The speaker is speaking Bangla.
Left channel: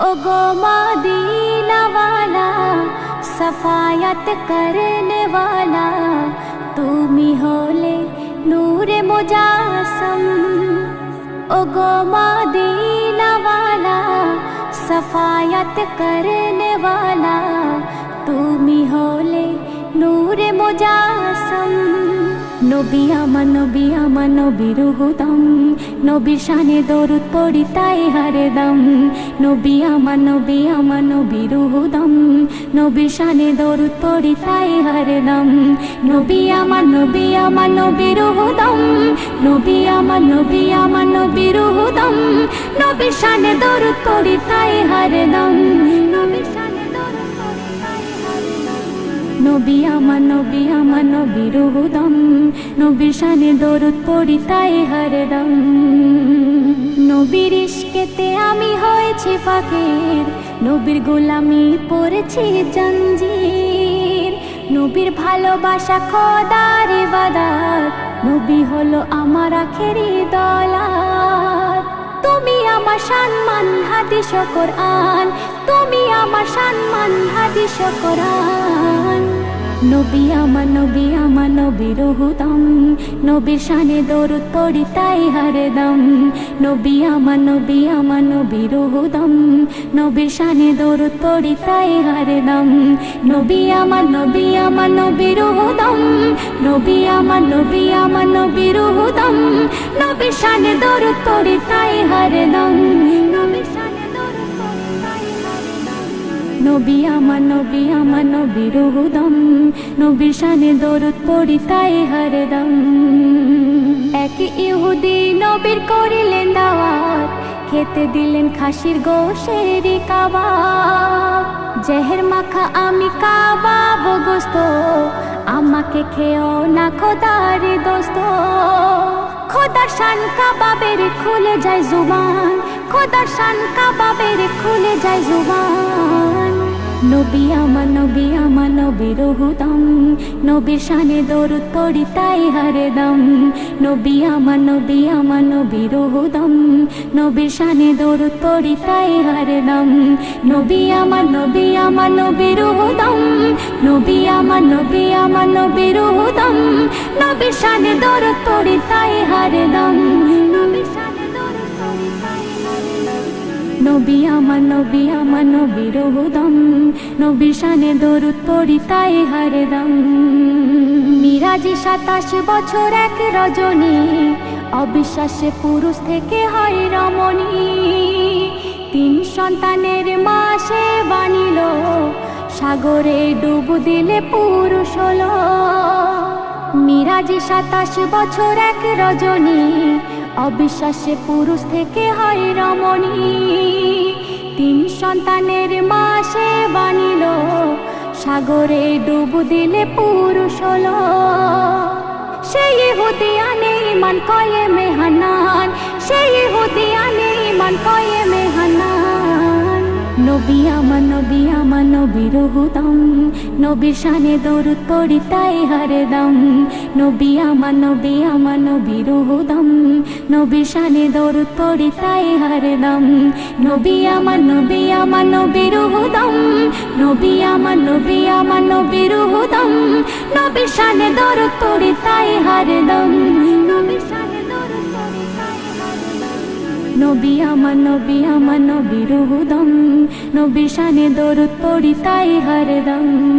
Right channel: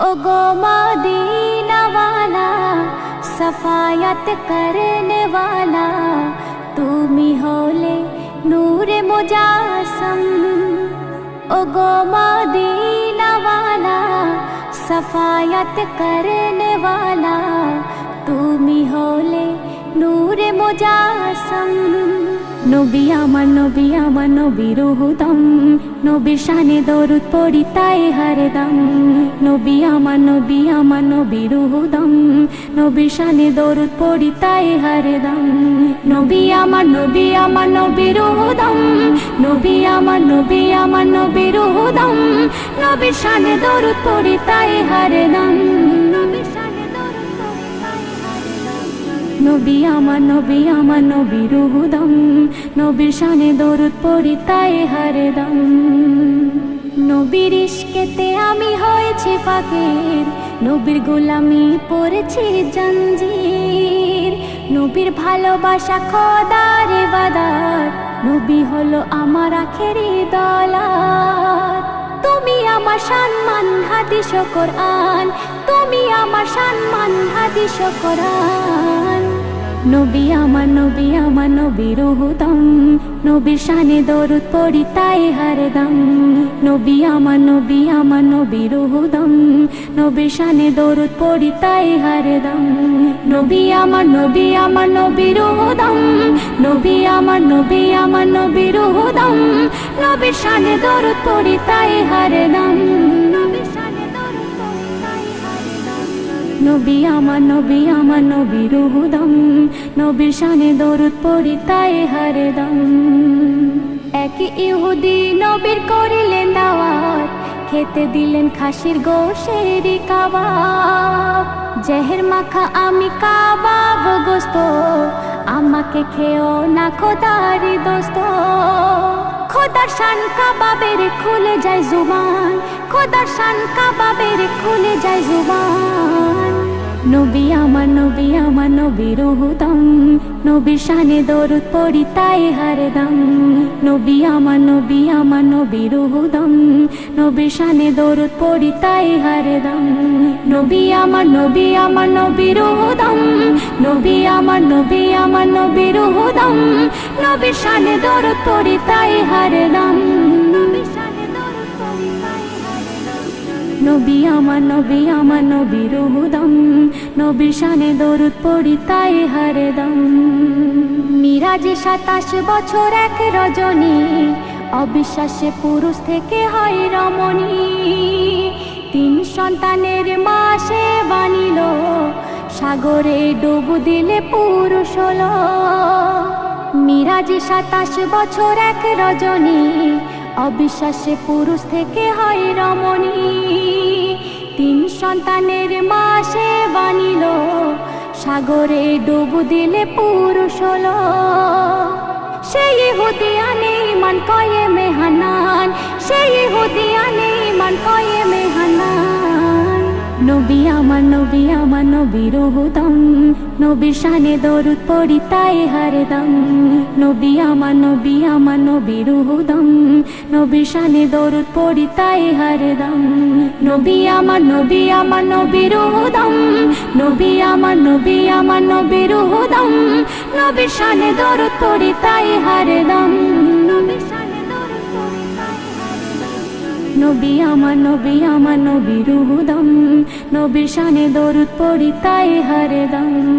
ओ गो मदीना वाला सफायत करने वाला তুমি হলে নূরে মুজাসম ओ गो मदीना वाला सफायत करने वाला তুমি হলে নূরে মুজাসম নবী আমার নবী আমার নবীর হুদম নবী শানে দরুদ পড়ি তাই হরদম নবী আমার নবী আমার নবীর হুদম নবী শানে দরুদ পড়ি তাই হরদম নবী আমার নবী আমার নবীর হুদম নবী আমার নবী আমার নবীর হুদম নবী শানে দরুদ পড়ি তাই হরদম নবী শানে নবী আমার নবী আমার নবীর হুদম নবীর শানে দরদ পড়ি তাই হাররাম নবীর ইশকেতে আমি হয়েছি ফাকির, নবীর গোলামি পড়েছি জঞ্জির। নবীর ভালোবাসা খোদার ইবাদত, নবী হলো আমার আখেরি দলাত তুমি আমার সম্মান, হাদিস কোরআন। তুমি আমার সম্মান, হাদিস কোরআন। নবী আমার নবী আমার নবীর হুদম নবী শানে দরুদ পড়ি তাই হরদম নবী আমার নবী আমার নবীর হুদম নবী শানে দরুদ পড়ি তাই হরদম নবী আমার নবী আমার নবীর হুদম নবী আমার নবী আমার নবীর হুদম নবী শানে দরুদ পড়ি তাই নবী আমার নবী, আমার নবীর হুদম নবীর শানে দরদ পড়ি তাই হরদম এক ইহুদি নবীর করিলেন দাওয়াত, খেতে দিলেন খাসির গোশের কাবাব। জেহের মাখা আমি কাবাব গোস্ত, আমাকে খেও না খোদারি দোস্ত। খোদার শান কাবাবের খুলে যায় জুবান, খোদার শান কাবাবের খুলে যায় জুবান। নবী আমার নবী আমার নবীর হুদম নবীর শানে দরুদ পড়ি তাই হরদম নবী আমার নবী আমার নবীর হুদম নবীর শানে দরুদ পড়ি তাই হরদম নবী আমার নবী আমার নবীর হুদম নবী আমার নবী আমার নবীর হুদম নবীর শানে দরুদ পড়ি তাই হরদম নবীর শানে নবী, আমার নবী, আমার নবীর হুদম নবী শানে দরুদ পড়ি, তাই হরদম মিরাজি সাতাশ বছর এক রজনী, অবিশ্বাসে পুরুষ থেকে হয় রমণী। তিন সন্তানের মাসে বানিল, সাগরে ডুব দিলে পুরুষ হলো। মিরাজি সাতাশ বছর এক রজনী অবিশ্বাসে পুরুষ থেকে হয় রমণী। তিন সন্তানের মাসে বানিল। সাগরে ডুবু দিলে পুরুষ হলো। সেই হুদিয়ানে মান কয়ে মেহানান। সেই হুদিয়ানে মান কয়ে মেহানান। নবী আমার নবী আমার নবীর হুদম নবীর শানে দরুদ পড়ি তাই হরদম নবী আমার নবী আমার নবীর হুদম। নবীর শানে দরুদ পড়ি তাই হরদম নবী আমার নবী আমার নবীর হুদম। নবী আমার নবী আমার নবীর হুদম। নবীর শানে দরুদ পড়ি তাই হরদম নবীর শানে নবী আমার নবী আমার নবী রুহুদম নবী শানে দরুদ পড়ি তাই হরদম